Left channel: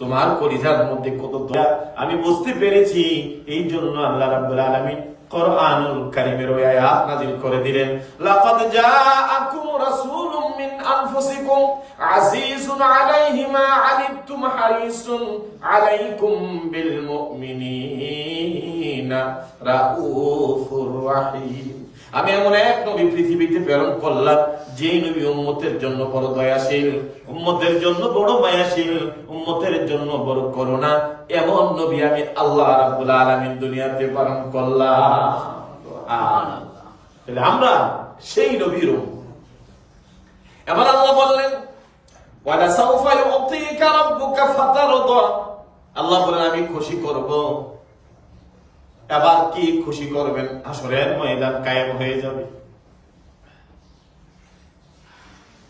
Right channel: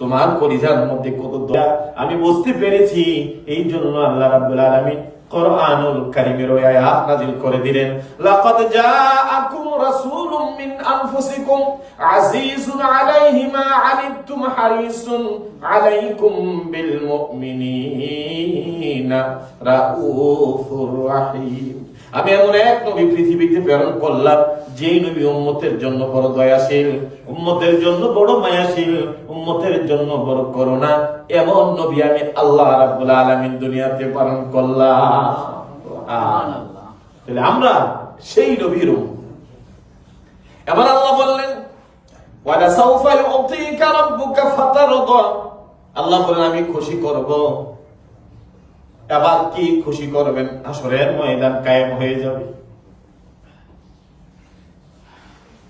তোমার পরিধার মধ্যে কত আমি বুঝতে পেরেছি, এই জন্য আল্লাহ রাব্বুল আলামিন কোরআনুল ওই আয়াত করে দিলেন। লাকাদ জাআকুম রাসূলুম মিন আনফুসিকুম আজিজুন আলাইহি মা আনিতুম হারিসুন আলাইকুম বিল মুমিনিনা রাউফুর রাহিম। আমি এমন এক নবী পৃথিবীতে প্রেরণ করলাম যেই নবী উম্মতের জন্য বড় দয়াশীল, উম্মতের জন্য বড় মায়াশীল, উম্মতের জন্য বড় করুণা, এমন নবী আমি আল্লাহ রাব্বুল আলামিন দুনিয়াতে পালন করলাম। তাহলে আমরা সেই নবীর। এবার আল্লাহ বললেন আল্লাহ বলেন আমি খুশি করব। এবার কি খুশি করবেন? আসরের ময়দান কায়েম হয়ে যাবে।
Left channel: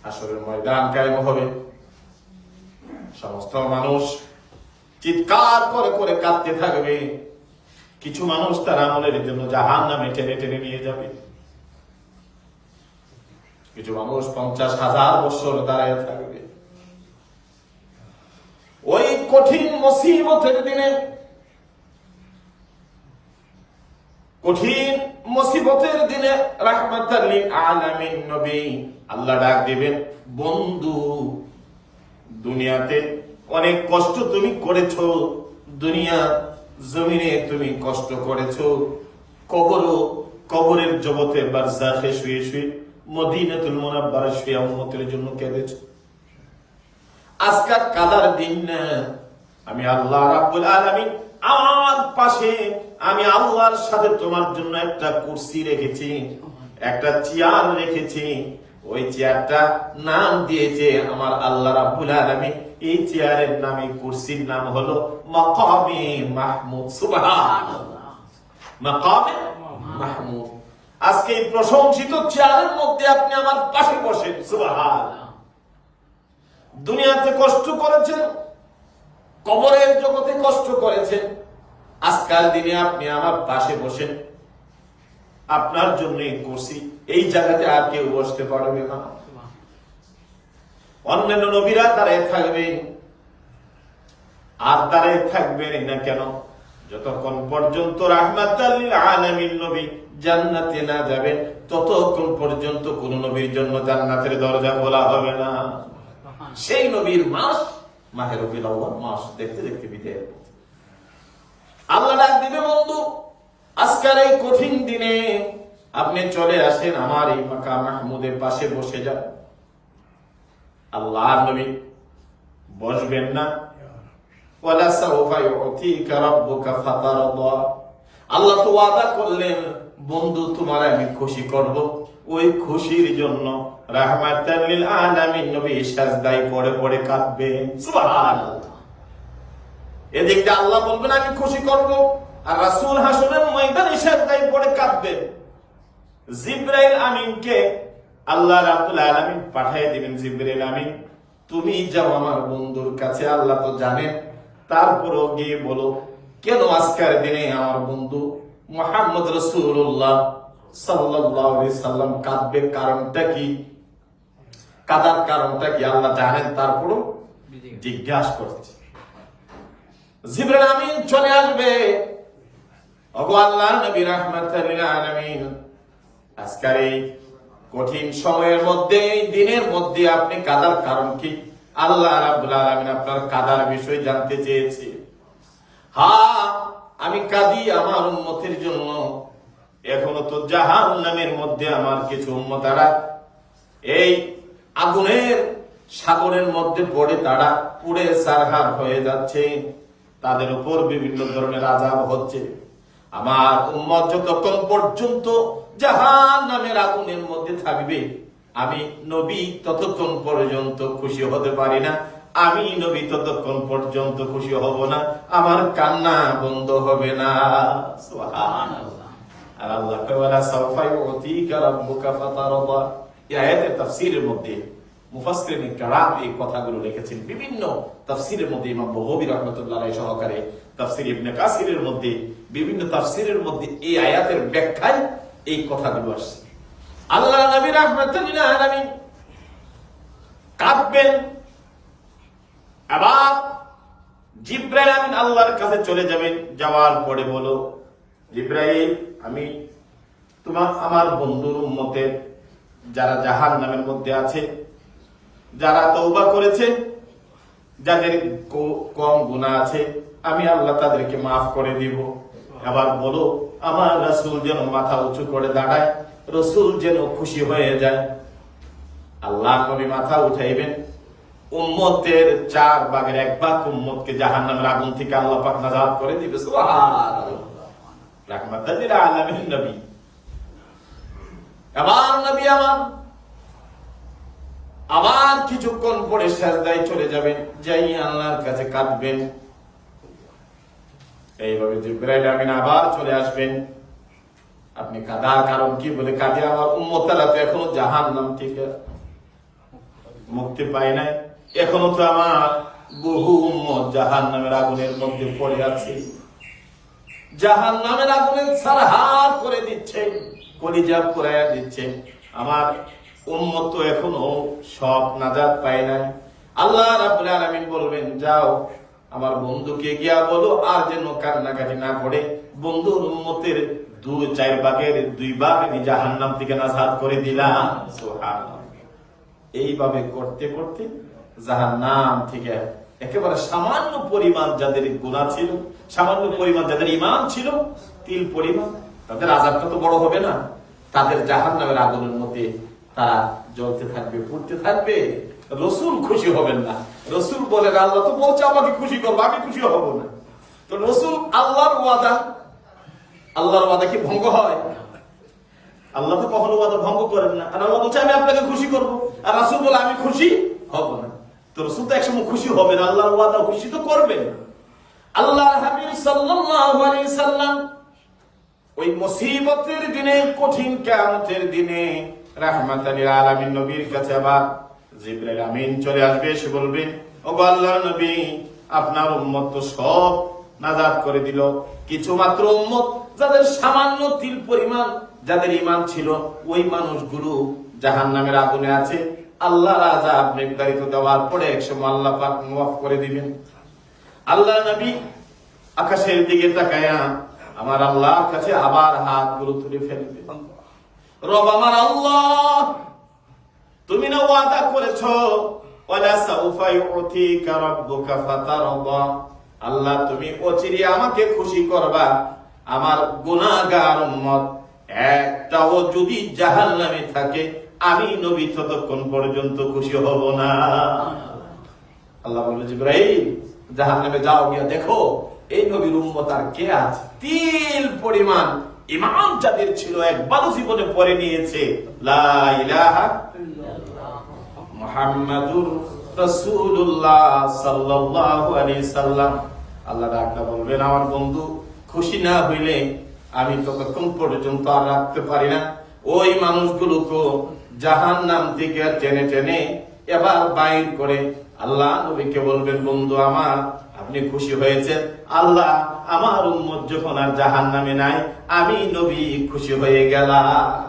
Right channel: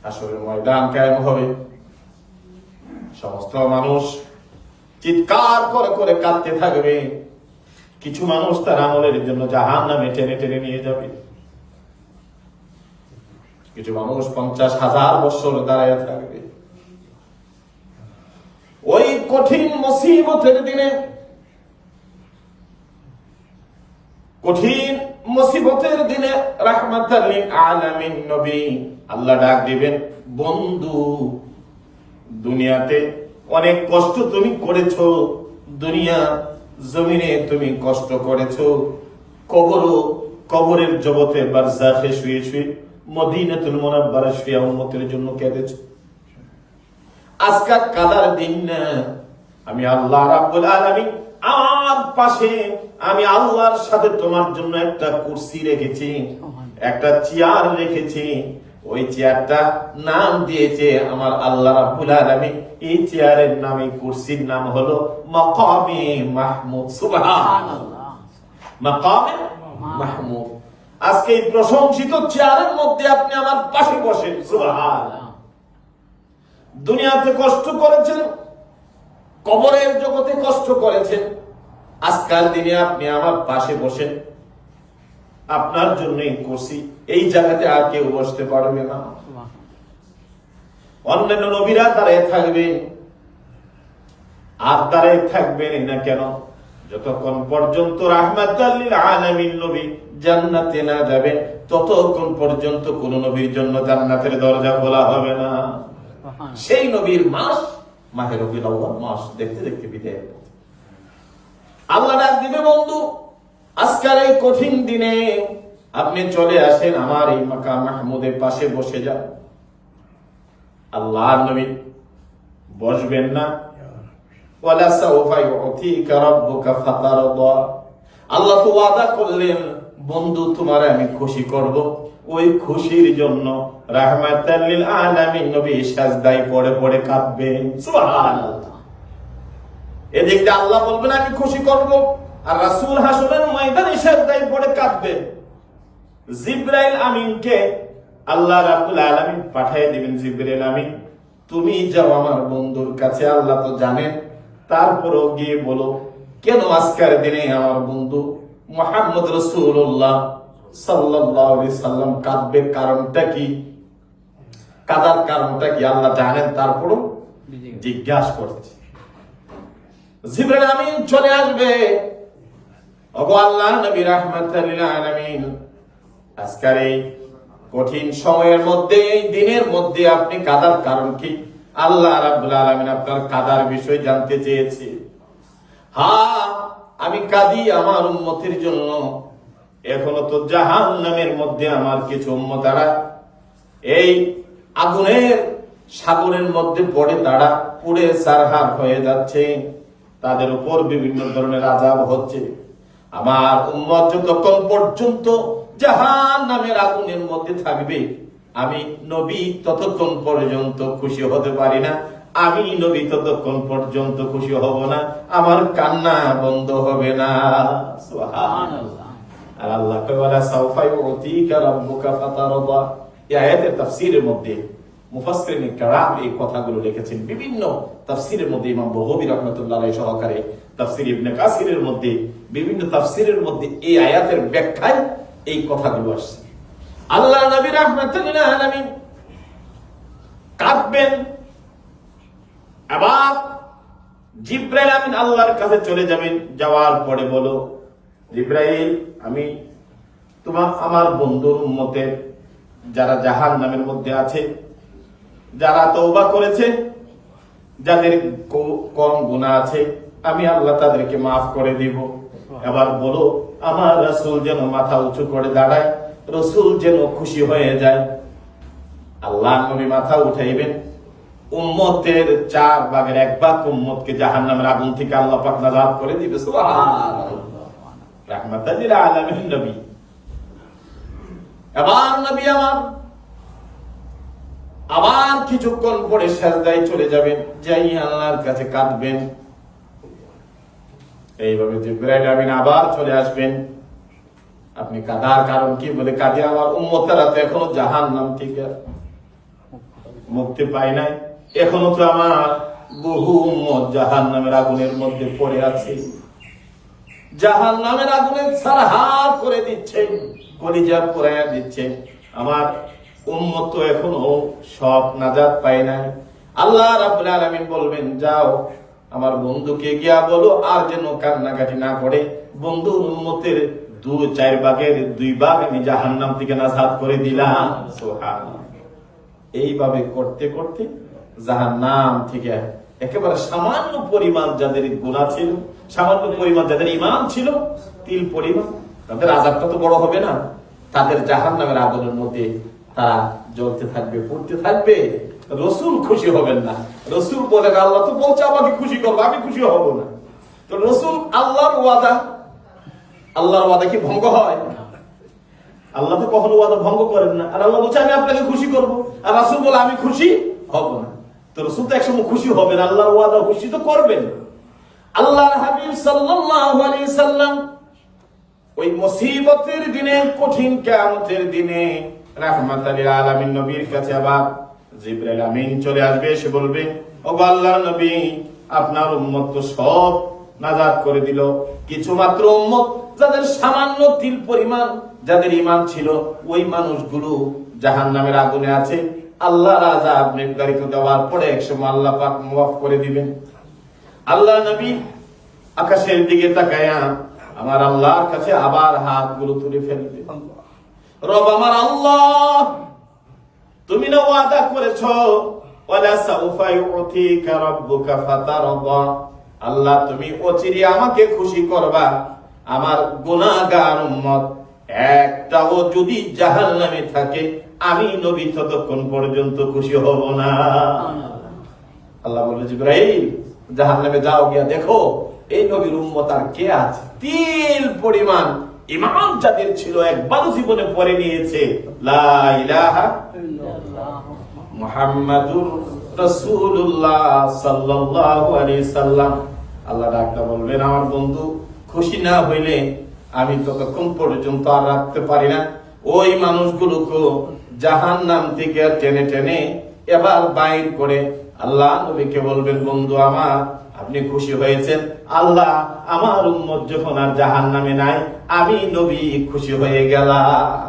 আসরের ময়দান কায়েম হবে। সমস্ত মানুষ চিৎকার করে করে কাঁদতে থাকবে। কিছু মানুষ তার আমলের জন্য জাহান নামে টেনে টেনে নিয়ে যাবে। কিছু মানুষ পঞ্চাশ হাজার বছর দাঁড়ায় থাকবে। ওই কঠিন মুসিবতের দিনে কঠিন মুসিবতের দিনে আলামিন নবী আল্লাহ ডাক দিবেন, বন্ধু, দুনিয়াতে অনেক কষ্ট তুমি করেছ, দুনিয়া জমিনে তুমি কষ্ট করেছ, কবরও কবরের জগতে বারজাখে শুয়ে শুয়ে শুয়ে জন্য কালার দিন না। আমি আল্লাহ রাব্বুল আলামিন আমার পাশে আমি আল্লাহর সাথে তোমার জন্য একটা কুরসি রেখেছি, একটা চেয়ার রেখেছি। ওই চেয়ারটা নাম দিয়েছে আমার আল্লাহ রাব্বুল আলামিন। এই চেয়ারের নাম, এই কুরসির নাম হলো মাকামে মাহমুদ, সুবহানাল্লাহ। মাকামে মাহমুদ। আজকে এই প্রশংসিত চেয়ারের মধ্যে আপনি আমার পাশে বসেন, সুবহানাল্লাহ। দুনিয়াতে কষ্ট করেছেন, কবরের জগতে কষ্ট করেছেন আজকাল দিনে আপনি আমার পাশে বসেন। আপনার জন্যই করছি। এই জায়গাতে আর কেউ বসতে পারবে না। অন্যান্য নবীরা দাঁড়িয়ে থাকবেন আর দাঁড়িয়ে থাকবেন না কেন? যতক্ষণ পর্যন্ত আলামিন নবী জান্নাতে না যাবেন ততক্ষণ পর্যন্ত কোন নবীর জন্য জান্নাতের দরজা খোলা হবে না। সেই নবীর মাস মাহের মাস দেখতে দেখতে বিদায় দিবে বন্ধু। আজকাল এই কঠিন দিনে আপনি চলে আসেন আমার এই মাকা মাহমুদের পাশে বসে যান। আল্লাহ নবী বসবেন না। আল্লাহ তো ওয়াদা করলেন, বন্ধু, তোমার আমি খুশি করব। ওই খুশির জন্য পড়ে পড়ে এদিক দিয়ে আল্লাহ বলবেন, আমি খুশি করব। আর রাসূল হাসরের ময়দানে সাজদায় পড়ে কাঁদবেন জিব্রাইল আমিনকে আল্লাহ রাব্বুল আলামিন পাঠিয়ে দিবেন জিব্রাইল আমিন তুমি যাও আমার বন্ধুর কাছে আল্লাহ তো জানেন। তারপরও গিয়ে বলো কেন আজকের দিনে আমার বন্ধু মোহাম্মদ রসুল্লাহ আলাইহি সাল্লাম কাঁদবে? কারণটা কি? কাদার কারণটা কি? আল্লাহ জানেন। তারপরও জিজ্ঞাসা করছে। জিবরাইল আমিন চলে আসবে। ওগো আল্লাহ নবী আজকের এই কঠিন সময়ের মধ্যে, এই দিনের মধ্যে আপনি কাদার কারণ কি? আল্লাহ রাব্বুল আলামিন আপনার কাদার বিষয় জানতে চেয়েছে। হ্যাঁ আমি কাঁদি আমার উন্মতির জন্য। এখনও তো জাহান নামের মধ্যে আমার কিছু উম্মতারা এই আগুনের সাগরের মধ্যে পড়ে তারা পুড়ে সারহার হয়ে যাচ্ছে। তাদের উপর বিভিন্ন ধরনের আজাব হচ্ছে। আমার উম্মত যতক্ষণ পর্যন্ত জাহান নামের আগুনের মধ্যে থাকবে, আমি নবী ততক্ষণ পর্যন্ত খুশি হতে পারি না। আমি নবী ততক্ষণ পর্যন্ত খুশি হব না। আমার কান্না বন্ধ হবে না। আর আল্লাহ কয়, ওয়ালা সাউফা ইউতিকা রাব্বুকা ফাতারদা এই আয়াতের তাফসীরের মধ্যে মুফাসসিরিন কিরাম এই কথাগুলো লিখেছেন বিভিন্ন তাফসীরের মধ্যে ইমাম বগবী রাহমাতুল্লাহ সহকারে, তাফসীর ইবনে কাসিরের মধ্যে, বিভিন্ন তাফসীরের মধ্যে এই আয়াতের ব্যাখ্যায় এই কথাগুলো আসছে। আল্লাহ নবী রাহমাতুল্লাহ আলামিন কাঁদবেন আবার জিব্রাইল আমিন আল্লাহর কাছে চলে যাবেন, যাওয়ার পরে বলো, জিব্রাইল, আমি তোমার আমার বন্ধুর উম্মতের, যারা জাহান নামের মধ্যে আছে যারা তৌবা করেছে যাদের কম গুণা আছে আমি আল্লাহ তাদেরকে মাফ করে দিব। এবার বলো আমার রসুল যেন মাথা উঁচু করে দাঁড়ায় রসুল যেন খুশি হয়ে যায়। আল্লাহ নবী মাথা উঠাইবেন। উম্মতের চার ভাগের এক ভাগ উম্মতকে জাহান নামের আগুন থেকে আল্লাহ পাক নাজাত করে দিবে রাহমাতাল্লিল আলামিন নবী। এবার নবী আমার আবার কিছুক্ষণ পরে সাজদায় চলে যাবেন, যাই আল্লাহর কাছে কাঁদবেন। এইভাবে জিব্রাইল আমিন আবার চলে আসবেন। আপনি কাঁদার কারণ কি বলে কাঁদে? আমার উম্মতারা তো এখনও জাহান নাম থেকে মুক্তি পায় নাই। এখনও তো আমার বহু উম্মত জাহান নামের আগুনের মধ্যে পড়ে আছে। জাহান নামের আগুনে সারহার করে দিচ্ছেন, কলিজা পুরাইয়া দিচ্ছেন। আমার উম্মত এখনও সব নাজাত পায় নাই। আল্লাহ রাব্বুল আলামিন বলবেন, যাও, আমার বন্ধুকে গিয়া বলো, আর যেন কান্নাকাটি না করে। বন্ধুর উম্মতের দু, চার ভাগের দুই ভাগ আমি জাহান্নাম থেকে নাজাত করে দিলাম। এইভাবে করতে করতে জাহান নাম থেকে একেবারে সামান্য পরিমাণ যাদের গুণা ছিল, সামান্য পরিমাণ যাদের ইমান ছিল, তিল পরিমাণ, তাদের আজাবটা তো বড় হবে না। তাদের জাহান নামের আগুনের মধ্যে তারা জ্বলতে থাকবে, পড়তে থাকবে, রসুল খুশি হবেন না। রসুল বলে, আল্লাহ তো বলছে, আমাকে খুশি করব, আমি খুশি হব না। তো রসুল আল্লাহর ওয়াদা আল্লাহর ওয়াদা কি ভঙ্গ হয়? আল্লাহ তো কখনো ওয়াদা ভঙ্গ করেন না। আর আল্লাহ বলছে, আমি আপনাকে খুশি করব। আর রাসুল বলে, আমি খুশি হব না। তো রসুল তো একসময় খুশি হবেন, আল্লাহর ওয়াদা খুশি তো করবেন। আল্লাহ হাবিব সাল্লাল্লাহু আলাইহি সাল্লাম ওই মুসিবতের দিনে, কঠিন কিয়ামতের দিনে রাহমাতাল লিল আলামিন নবীর কাছে আবার জিবরাইল আমিন চলে আসবে বলবে ও আল্লাহর নবী, আপনার উম্মত তো সব নাজাত করে দিল। কিছু মাত্র উম্মত যাদের সামান্য তিল পরিমাণ, যাদের ইমান ছিল, ওই মানুষগুলো জাহান নামের আগুনে আছে। আল্লাহ রাজা নির্ধারিত দেওয়ার পরে একসময় আল্লাহ পাক করে দিবেন। আল্লাহ নবী আকাশের দিকে তাকায়া আমার আল্লাহর কাছে আবার হাতগুলো তুলে ফেলবে। রব আমার আল্লাহ। তুমি না ওয়াদা করেছ, ওয়ালা ফাতারদা। আল্লাহ, তুমি অচিরে আমাকে খুশি করবা। আমার গুনাহগার উম্মত, একটাও যদি জাহান্নামে থাকে, আমি নবী ততক্ষণ পর্যন্ত খুশি হব না। আল্লাহ বলবে জিব্রাহিম জাহান নামে যাও গিয়া দেখো, এই নবীর উম্মত আর কে আছে? তিল পরিমাণ ইমাম যাদের ছিল একবারও জীবনে পরে নিয়েছে আল্লাহ ডাকটা বলবেন আমার বন্ধু, খুশি না হইলে আমি ততক্ষণ পর্যন্ত আর রাখতে পারি না। ওই মানুষগুলোকে জাহান নাম থেকে টেনে টেনে এবার বাইর করে আল্লাহ নবীকে বলবেন, বন্ধু আমার আপনি খুশি হয়েছেন? আল্লাহ, আমার উম্মত যখন আর জাহান নামে নাই, আমি নবী খুশি হয়ে গেলাম।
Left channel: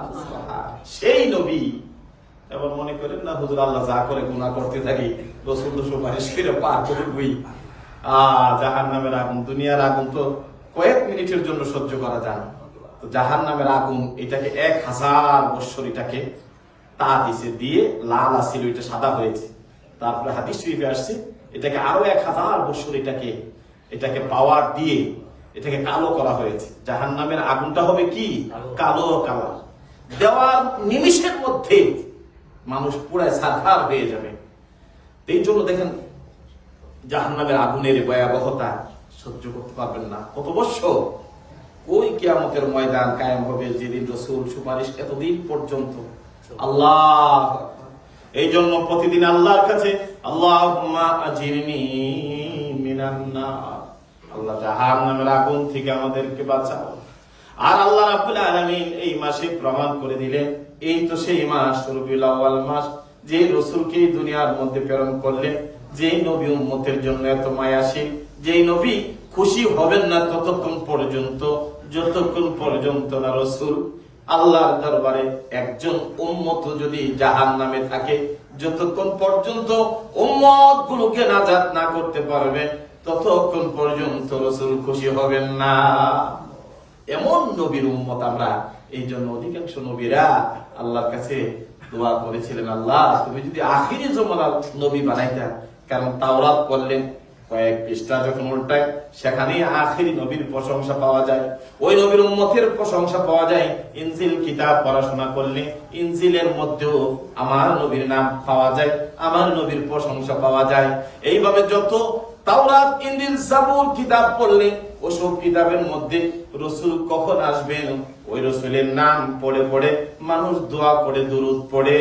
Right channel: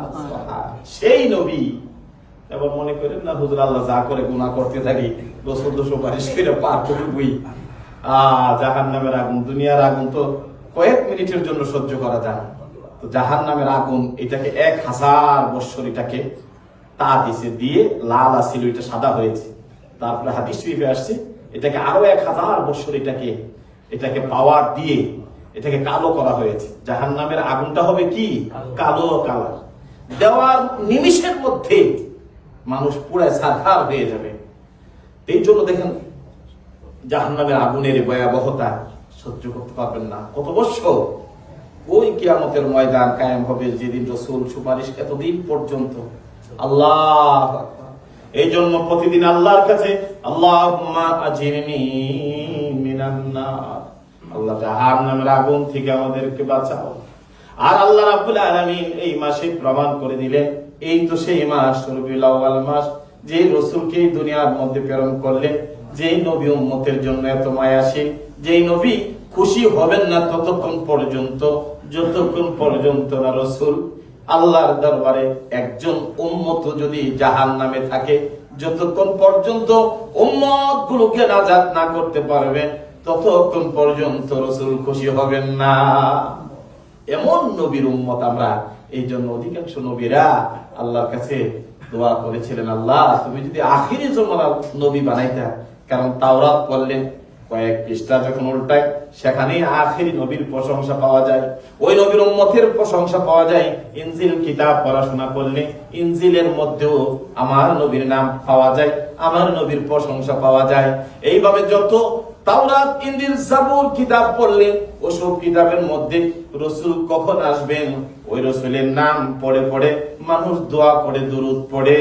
সেই নবী। এবার মনে করেন না, হুজুর, আল্লাহ যা করে গুনাহ করতে থাকি রসুল তো সুপারিশ করে পার করবই। আহ জাহান নামের আগুন, দুনিয়ার আগুন তো কয়েক মিনিটের জন্য সহ্য করা যায় না। তো জাহান নামের আগুন, এটাকে এক হাজার বৎসর এটাকে তা দিছে দিয়ে লাল আসছিল এটা সাদা হয়েছে। তারপরে হাদিস শরীফে আসছে এটাকে আরও এক হাজার বৎসর এটাকে এটাকে পাওয়ার দিয়ে এটাকে কালো করা হয়েছে। জাহান নামের আগুনটা হবে কি? কালো কালার। দেওয়ার নিমিষের মধ্যে মানুষ পুরায় সাধার হয়ে যাবে। এই জন্য দেখেন, জাহান্নামের আগুনের এই ভয়াবহতা সহ্য করতে পারবেন না। কত বছর? ওই কিয়ামতের ময়দান কায়েম হবে যেদিন রসুল সুপারিশ এতদিন পর্যন্ত আল্লাহ এই জন্য প্রতিদিন আল্লাহর কাছে আল্লাহ আল্লাহ জাহান নামের আগুন থেকে আমাদেরকে বাঁচাও। আর আল্লাহ রাব্বুল আলামিন এই মাসে প্রমাণ করে দিলেন, এই তো সেই মাস, রবিউল আউয়াল মাস, যে রসুলকে দুনিয়ার মধ্যে প্রেরণ করলেন, যেই নবী উম্মতের জন্য এত মায়াশীল যেই নবী খুশি হবেন না ততক্ষণ পর্যন্ত, যতক্ষণ পর্যন্ত না রসুল আল্লাহর দরবারে একজন উম্মত যদি জাহান নামে থাকে, যতক্ষণ পর্যন্ত উম্মত গুলোকে নাজাত না করতে পারবে, ততক্ষণ পর্যন্ত রসুল খুশি হবেন না। এমন নবীর উম্মত আমরা, এই জন্য অধিকাংশ নবীরা আল্লাহর কাছে দোয়া করেছিলেন, আল্লাহ, তুমি যদি আখিরি জমানার নবী বানাইতা, কারণ তাওরাত পড়লেন কয়েক পৃষ্ঠা যখন উল্টায়, সেখানেই আখেরি নবীর প্রশংসা পাওয়া যায়। ওই নবীর উম্মতের প্রশংসা পাওয়া যায়। ইনজিল কিতাব পড়াশোনা করলে ইনজিলের মধ্যেও আমার নবীর নাম পাওয়া যায়, আমার নবীর প্রশংসা পাওয়া যায়। এইভাবে যত তাওরাত জাবুর কিতাব পড়লে, ওসব কিতাবের মধ্যে রসুল কখন আসবেন? ওই রসুলের নাম পড়ে পড়ে, মানুষ দোয়া করে, দরুদ পড়ে।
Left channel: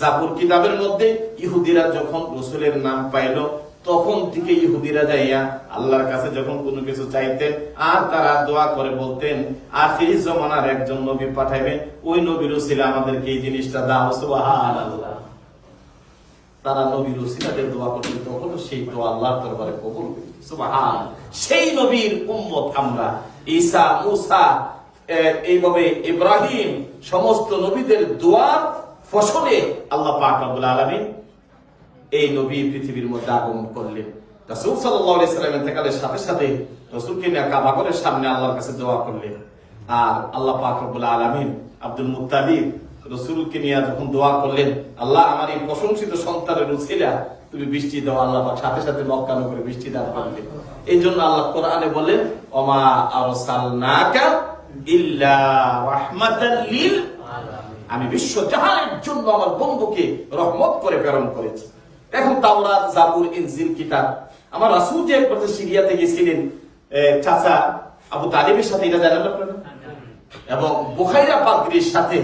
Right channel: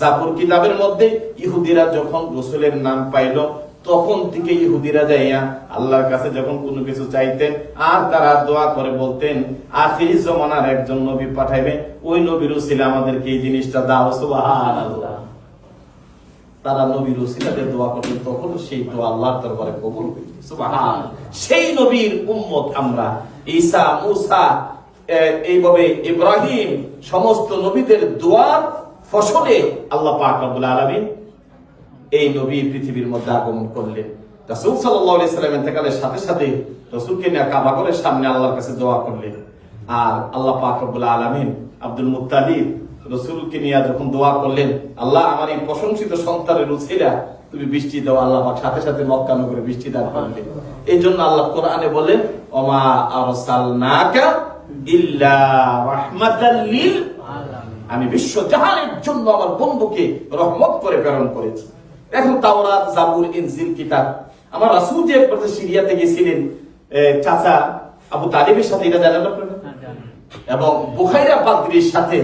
জাবুর কিতাবের মধ্যে ইহুদিরা যখন রসুলের নাম পাইল তখন থেকে ইহুদিরা যাইয়া আল্লাহর কাছে যখন কোনো কিছু চাইতেন, আর তারা দোয়া করে বলতেন, আখিরি জমানার একজন নবী পাঠাইবে, ওই নবীর ছিল আমাদেরকে এই জিনিসটা দাও তারা নবীর ওসিলাদের দোয়া করতেন তখন সেই দোয়া আল্লাহর দরবারে কবুল সেই নবীর উম্মত আমরা, ঈসা, মুসা এইভাবে ইব্রাহিম, সমস্ত নবীদের দোয়ার ফসলে আল্লাহ পাক রব্বুল আলামিন এই নবী পৃথিবীর মধ্যে আগমন করলেন। রাসূল সাল্লাল্লাহু আলাইহি সাল্লাম সাথে সাথে রাসূলকে নিয়ে কাবা ঘরের সামনে আল্লাহর কাছে দোয়া করলেন। আর আল্লাহ পাক রব্বুল আলামিন আব্দুল মুত্তালিব রসুলকে নিয়ে যখন দোয়া করলেন, আল্লাহ আমার এই প্রশংসিত সন্তানের উছিলা তুমি বৃষ্টি দাও, আল্লাহ সাথে সাথে মক্কা নগরে বৃষ্টি দান করলেন। এই জন্য আল্লাহ কোরআনে বললেন, ওমা আরসালনাকা ইল্লা রাহমাতাল আমি বিশ্ব জাহানের জন্য আমার বন্ধুকে রহমত করে প্রেরণ করেছি। এখন তাওরাত জাবুর ইনজিল কিতাব। আমার রাসূল যে একবার সিরিয়াতে গেছিলেন এ, চাচা আবু তালিবের সাথে এটা জানেন আপনারা? এবং বুখাইরা পাদ্রির সাথে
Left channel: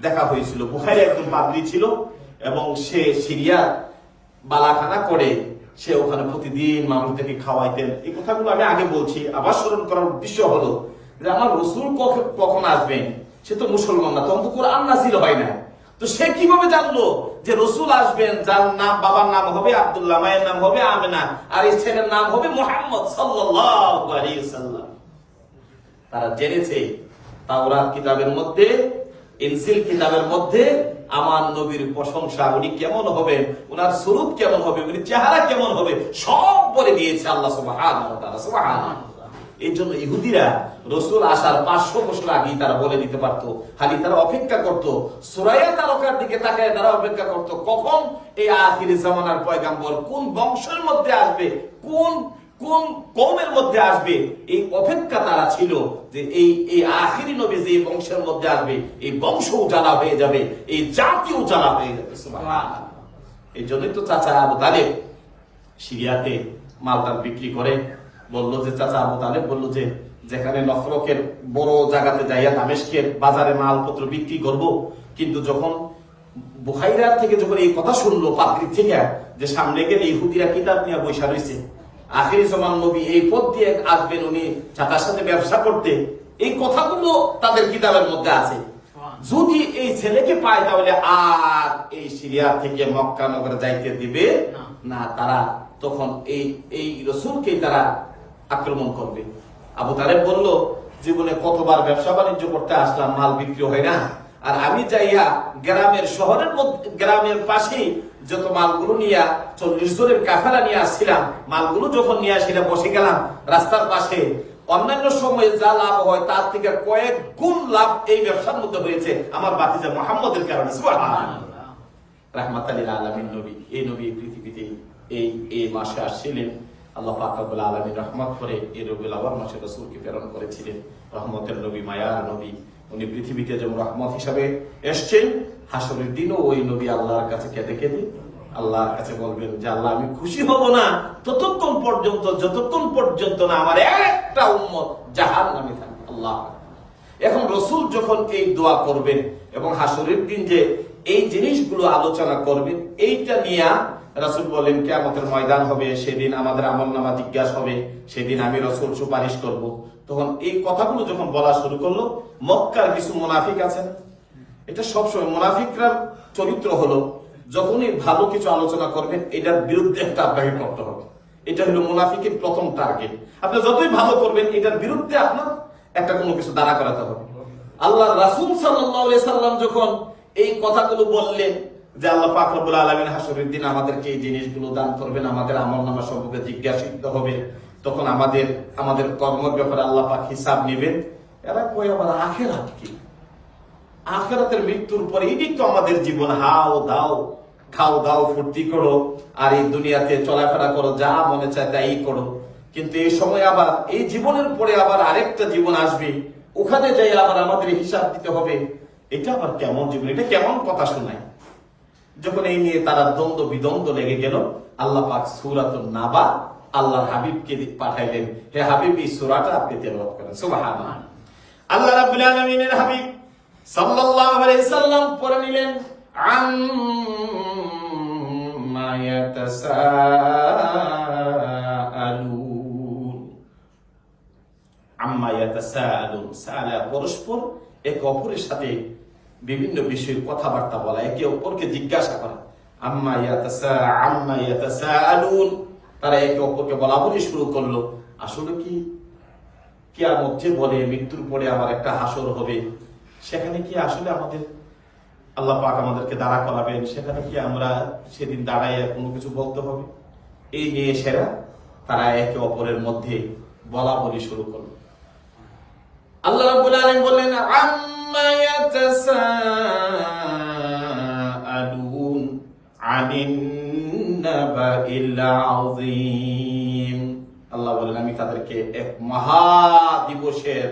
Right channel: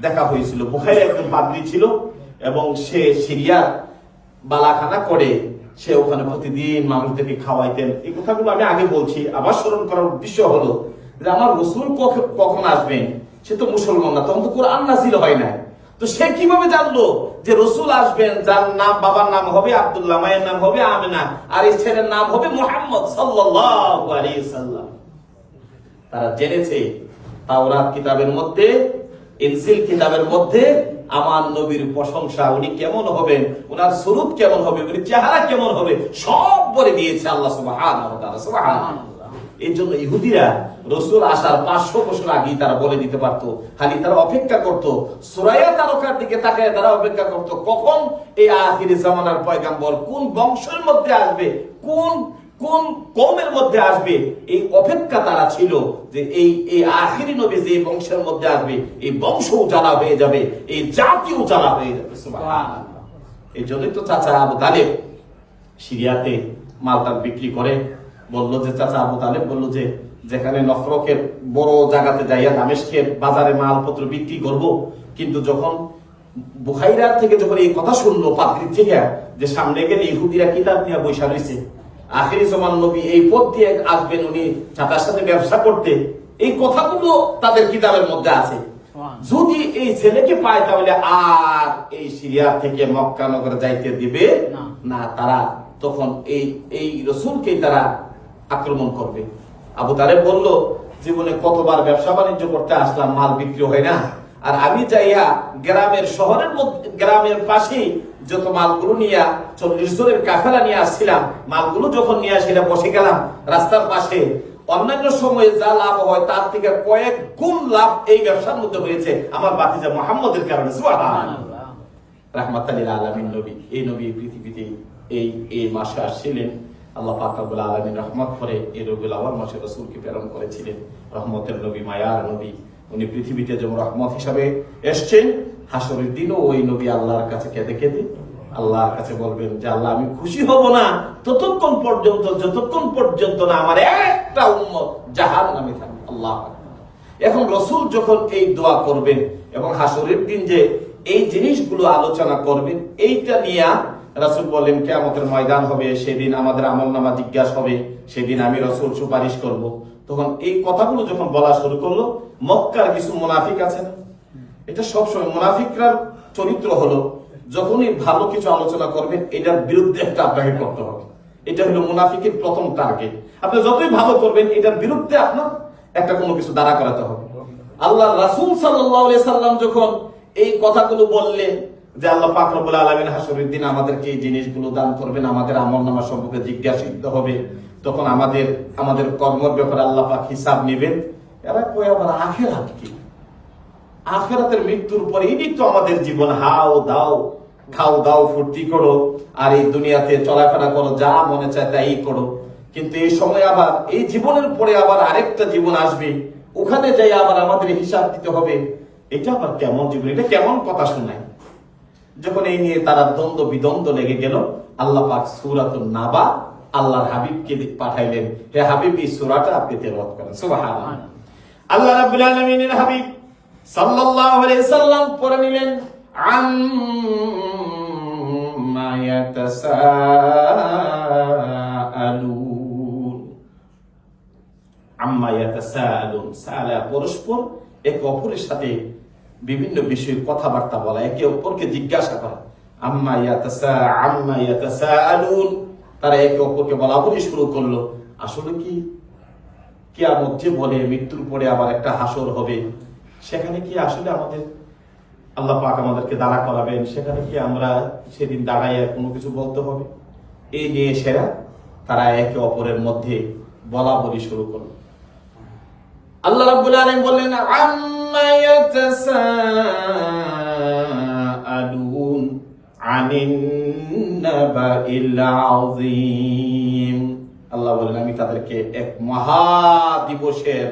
দেখা হয়েছিল। বুখাইরা একজন পাদ্রি ছিল এবং সে সিরিয়া বালাখানা করে সে ওখানে প্রতিদিন মানুষদেরকে খাওয়াইতেন। এই কথাগুলো আমি আগে বলছি। আবার স্মরণ করার উদ্দেশ্য হলো যে আমার রসুল কখন আসবেন? সে তো মুসলমান না তখন তো কোরআন নাজিল হয় না তো সে কীভাবে জানলো যে রসুল আসবেন, যার নাম, বাবার নাম হবে আব্দুল্লাহ, মায়ের নাম হবে আমেনা, আর এই ছেলের নাম হবে মোহাম্মদ সাল্লাম তারা জেনেছে তাওরাত কিতাবের মধ্যে, ইনসিল কিতাবের মধ্যে আমার নবীর প্রশংসা, উনি কেমন হবেন ওনার স্বরূপ কেমন হবে, উনি চেহারা কেমন হবে, সব বলে দিয়েছে আল্লাহ সুবহানাল্লাহ। এই জন্য ইহুদিরা রসুল আসার পাঁচশো বছর আগেই তারা বলে দিতে পারতো, খালি তারা অপেক্ষা করত। সুরাইয়া তারকার দিকে তাকায় তারা অপেক্ষা করত, কখন এই আখিরি জামানার পয়গাম্বর কোন বংশের মধ্যে আসবে, কোন কোন কৌমের মধ্যে আসবে, এই অপেক্ষা তারা ছিল যে এই এই আখিরি নবী যে বংশের মধ্যে আসবে, এই বংশও জ্বালা হয়ে যাবে, এই জাতিও জ্বালা হয়ে যাবে। এই জন্যই তো চাচা আবু তালেব সিরিয়াতে মালটাল বিক্রি করে বলল যে চাচা আবু তালেব বলল যে যেখানে নফরকের বড় জায়গাতে যাইয়া দামেশকের বাজারে মালপত্র বিক্রি করব কিন্তু যখন বুখাইরা থেকে যখন এই কথা শুনলো পাত্রী থেকে যে সামনে গেলে ইহুদিরা কিতাব নিয়ে বৈশা রয়েছে আখিরি জমান নবী এই পথ দিয়ে আসবেন উনি চাচার সাথে ব্যবসা করতে। এই কথাগুলো তাদের কিতাবের মধ্যে আছে। যদি এই ছেলেকে পায় তাহলে আর এই সিরিয়া থেকে মক্কা নগরে যাইতে দিবে না তারা। তখন এই এই রসুলকেই তারা আক্রমণ করবে। আবু তারেব বলল, জীবনে কতবার ব্যবসা বাণিজ্য করতে আসলাম, মাল বিক্রি হয় না। আর আমি যাইয়া গ্রামের শহরের মধ্যে, গ্রামের পাশে যত মালগুলো নিয়ে, চল্লিশ জনের কাফেলা নিয়ে আসছিলাম, মালগুলো যখন নিয়ে আসিলাম বসে গেলাম রাস্তার পাশে। অন্যান্য সময়ে যা লাভ হয় তার থেকে কয়েক গুণ লাভ এই ব্যবসার মধ্যে হয়েছে। আমার বাতিজা মোহাম্মদের কারণে। রাহমাত আলমিন নবী, এই নবী পৃথিবীতে এই এই মাসে আসছিলেন। আল্লাহ পাক রব্বুল আলামিন রহমত করে এই রবিউল আওয়াল মাসে রাসূলকে প্রেরণ করেছিলেন। রহমতের নবী, মায়ার নবী। উনি পৃথিবীতে যেমন রহমত হিসাবে এসছেন, হাসরের দিনও ওই নবী আল্লাহর কাছে কেঁদে কেঁদে আল্লাহর কাছে বলবেন যে, আল্লাহ, আমি খুশি হব না। ততক্ষণ পর্যন্ত, যতক্ষণ পর্যন্ত না আমার একটা উন্মত জাহান নামে থাকবে। আল্লাহ এখন রসুল যখন এই দোয়া করবেন এবং হাসরের দিন যে এই জিনিসগুলো আলোচনা করবেন, এইটা নিয়ে রাসুল বললেন কেমতের ময়দান হবে, সেদিন আমাদের আমল নামা জিজ্ঞাসা হবে, সেদিন আমি রসুল সুপারিশ করব। তখন এই কথাগুলো যখন বলা শুরু করল, মক্কার কিছু মুনাফিক আছে না? এটা সবসময় মুনাফিকরা চরিত্র হলো, যখনই ভালো কিছু আলোচনা করবেন এটার বিরুদ্ধে একটা আপনাকে করতে হবে। এটা হলো মুনাফিকের প্রথম টার্গেট। আপনি যতই ভালো করবেন, এটার বিরুদ্ধে আপনার একটা কোনো কিছু দাঁড়া করাতে হবে। আল্লাহ রাসূল আলাইহি সাল্লাম যখন এই কথাগুলো বললেন যে আল্লাহ পাক রব্বুল আলামিন হাসরের দিন আমাদেরকে এই জিনিসগুলো দান করবেন, আমাদের আমলনামা সম্পর্কে জিজ্ঞাসিত হবে। তখন আমাদের আমাদের কর্মের ব্যাপারে আল্লাহ পাক হিসাব নেবেন। এরা কই আবার আখেরাত কি? আখেরাতের মৃত্যুর পরে এটি তো আমাদের জীবন হাও দাও, খাও দাও, ফুর্তি করো, আর এই দুনিয়াতে চলাফেরা করো, যা মনে চায় তাই করো। কিন্তু এই সময় আবার, এই জীবনের পরে আবার আরেকটা জীবন আসবে। ওখানে যাই আবার আমাদের হিসাব দিতে হবে। এটা আবার কেমন জীবন? এটা কেমন কথা শোনায়? যখন এই নিয়ে তারা দ্বন্দ্ব বিদ্বন্দ্ব লেগে গেল, আল্লাহ পাক সুরাত নাবা আল্লাহর হাবিবকে পাঠাইলেন। হে হাবিব, এই সুরাটা আপনি তেলাওয়াত করেন। সুবহানাল্লাহ। আল্লাহ রাব্বুল আলামিনের হাবিব সাল্লাল্লাহু আলাইহি পড়ে নিলেন, আম্মা পরস্পর একে অপরের সাথে বিভিন্ন বিষয়ে কথাবার্তা বলা, একে অপরকে জিজ্ঞাসা করা, আম্মা ইয়াতাসা আম্মা ইয়াতাসাআলুন? তারা একে অপরকে বলা বলি শুরু করল, আসলে কি কিয়ামত যে বলে মৃত্যুর পরে আবার একটা হাসর হবে? সেখানে কি আসলে আমাদের আল্লাহ পাক আমাদেরকে দাঁড়া করাবেন? সেখানে কি আমরা সেদিন দাঁড়ায় কোনো কিছু বলতে হবে? এই নিয়ে সেরা, তারা একে অপরের মধ্যে বলা বলি শুরু করল। আল্লাহ রাব্বুল আলামিন বললেন, আম্মা ইয়াতাসাআলুন আনিন নাবাইল আযীম. আল্লাহ বলেন আমি তাদেরকে এক মহা দিবসের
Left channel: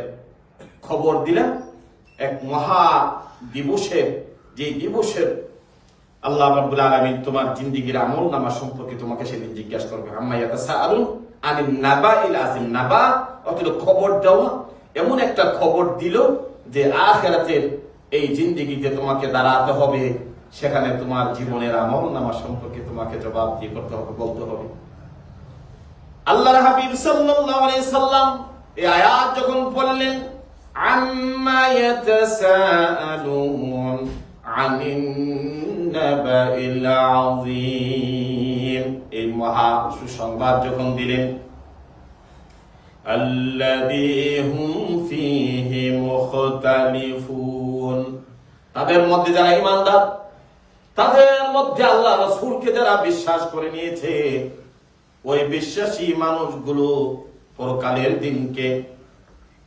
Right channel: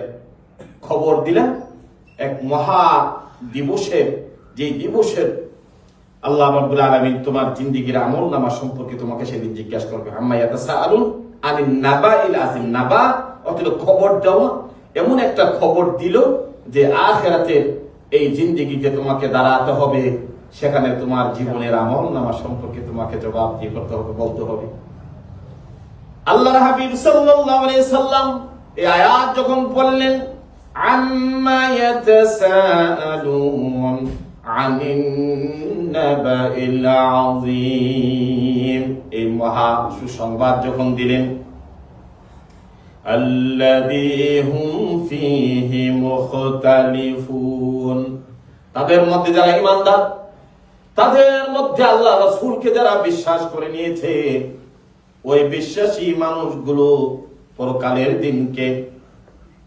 খবর দিলাম। এক মহা দিবসের যে দিবসের আল্লাহ রাব্বুল আলামিন তোমার জিন্দেগীর আমল নামা সম্পর্কে তোমাকে সেদিন জিজ্ঞাসা করবে। আম্মা ইয়াতাসাআলুন আনিন নাবাইল আযীম। নাবা অর্থাৎ খবর দেওয়া এমন একটা খবর দিল যে আখেরাতের এই জিন্দেগিতে তোমাকে দাঁড়াতে হবে, সেখানে তোমার জীবনের আমল নামা সম্পর্কে তোমাকে জবাব দিয়ে করতে হবে, বলতে হবে। আল্লাহর হাবিব সাল্লাম এই আয়াত যখন পড়লেন এই মহা সুসংবাদ যখন দিলেন তাদের মধ্যে যারা ইমানদার, তাদের মধ্যে আল্লাহ রাসূলকে যারা বিশ্বাস করে নিয়েছে, ওই বিশ্বাসী মানুষগুলো পরকালের দিনকে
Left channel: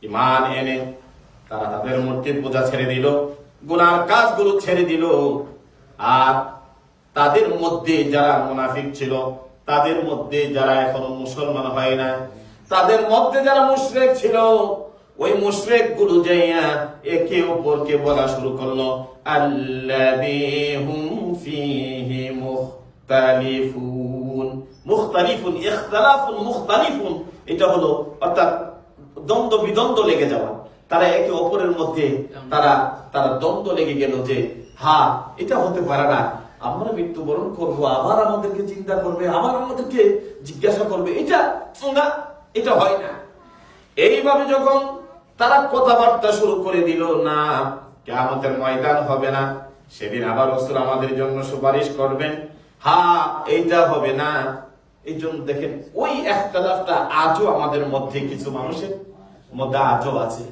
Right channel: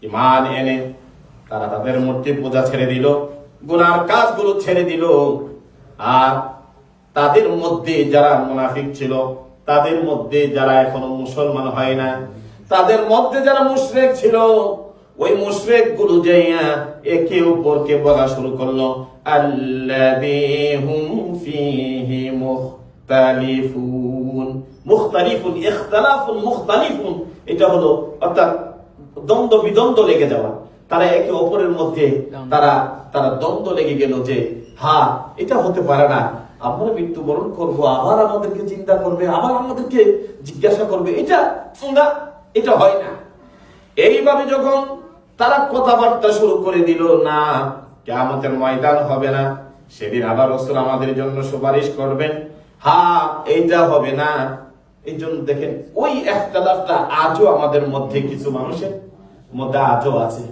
ইমান এনে তারা তাদের মূর্তি পূজা ছেড়ে দিল, গুনার কাজগুলো ছেড়ে দিল। আর তাদের মধ্যে যারা মুনাফিক ছিল, তাদের মধ্যে যারা এখনও মুসলমান হয় নাই তাদের মধ্যে যারা মুশরিক ছিল, ওই মুশরিকগুলো যাইয়া একে অপরকে বলা শুরু করল আল্লাযীহুম ফীহি মুখতালিফুন। মুখতালিফুন, ইখতিলাফুন, মুখতালিফুন। এটা হলো, অর্থাৎ দ্বন্দ্ব বিদ্বন্দ্ব লেগে যাওয়া। তারা একে অপরের মধ্যে তারা তারা দ্বন্দ্ব লেগে গেল যে হ্যাঁ এটা হতে পারে না। আমরা মৃত্যুবরণ করব, আবার আমাদেরকে চিন্তা করবে, আবার আমাদেরকে জিজ্ঞাসা করবে। এটা এটা হয় না। এইভাবে যখন তারা কথাবার্তা শুরু করে দিল, না কেমতের ময়দান হবে না। সেদিন আবার রসুল আমাদের জন্য সুপারিশ করবেন। হা, এইটা হবে না। এই জন্য দেখেন, ওই একতলাফটা আজও আমাদের মধ্যে কিছু মানুষের মধ্যে আজও আছে।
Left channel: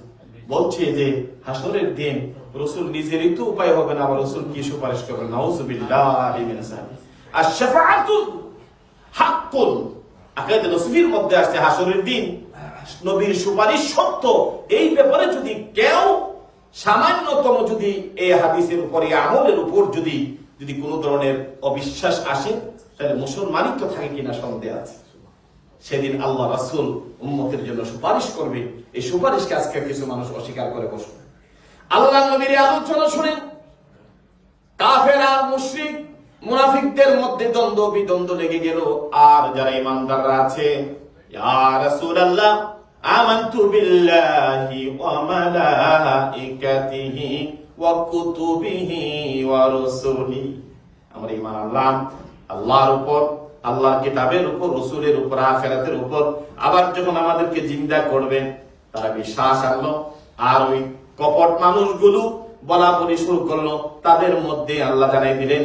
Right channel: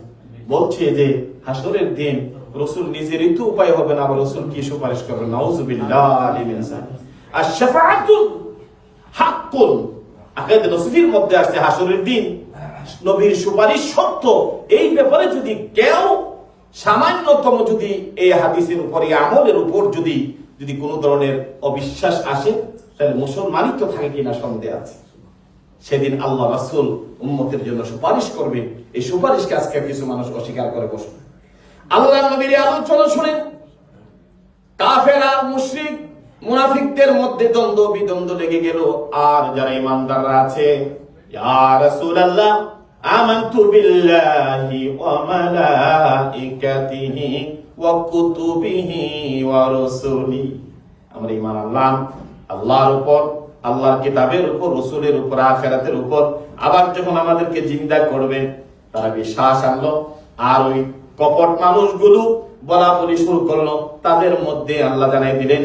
বলছে যে, হাসরের দিন রসুল নিজেরই তো উপায় হবে না, আবার রসুল কি সুপারিশ করবেন? নাউজুবিল্লাহ আর মধ্যে আসছে হাসরের দিন। নবীর সুপারিশ সত্য। এই ব্যাপারে যদি কেউ সামান্যতম যদি এই হাদিসের উপর আমলের উপর যদি যদি কোনো ধরনের অবিশ্বাস আসে, তাহলে মুসলমানই তো থাকে কিনা সন্দেহ আছে। সেদিন আল্লাহ রাসুল উম্মতের জন্য সুপারিশ করবে। এই সুপারিশকে আজকে কিছু মানুষ অস্বীকার করে বসবে। আল্লাহ নবীর আলোচনা শুনে কাফের আর মুশরিক মুনাফিকদের মধ্যে দ্বন্দ্ব, বিদ্বন্দ্ব লেগে গেল। আর যারা ইমানদাররা আছে, ইয়া রাসূলুল্লাহ, আমানতু বিল্লাহি ওয়া মালাইকাতিহি ওয়া কুতুবিহি ওয়া রুসুলি। আমরা ঈমান আনলাম। আল্লাহর উপর, আল্লাহর কিতাবের উপর, রসুলের উপর, আখেরাতের উপর। আবার যখন আমাদেরকে জিন্দা করবেন তারা বিশ্বাস আনলো। আর ওই কপট মানুষগুলো বলা বলি শুরু করল। তাদের মধ্যে আল্লাহ জানাই দিলেন